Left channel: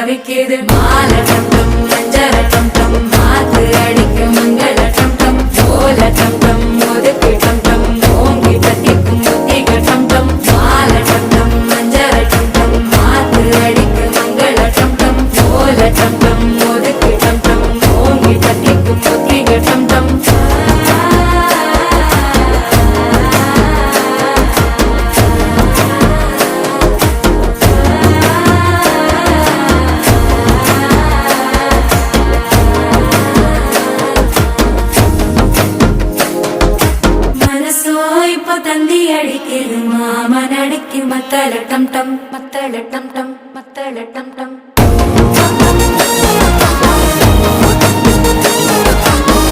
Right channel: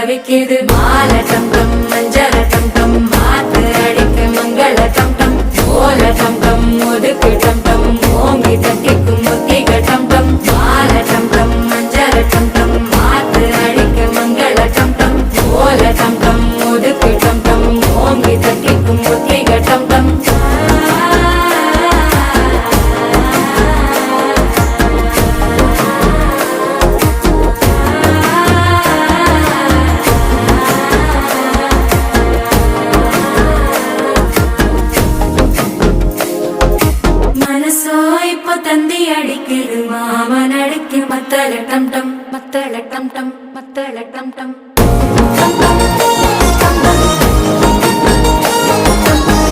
தவிக்குது மால டம் டம் மஞ்சள டம் டம் மாத்து அடிக்க மங்கள டம் டம் ஓல டம் டம் ஒதுக்கு டம் டம் ஓங்கி தட்டிக்கும் முத்திக டம் டம் மால டம் டம் மஞ்சள டம் டம் மாத்து அடிக்க மங்கள டம் டம் ஓல டம் டம் ஒதுக்கு டம் டம் ஓங்கி தட்டிக்கும் முத்திக டம் டம் மனசோ இப்ப தந்தி அடிக்குது மாமன் அடிக்கு மத்தள டம் டம் மத்தள டம் டம் மத்தள டம் டம்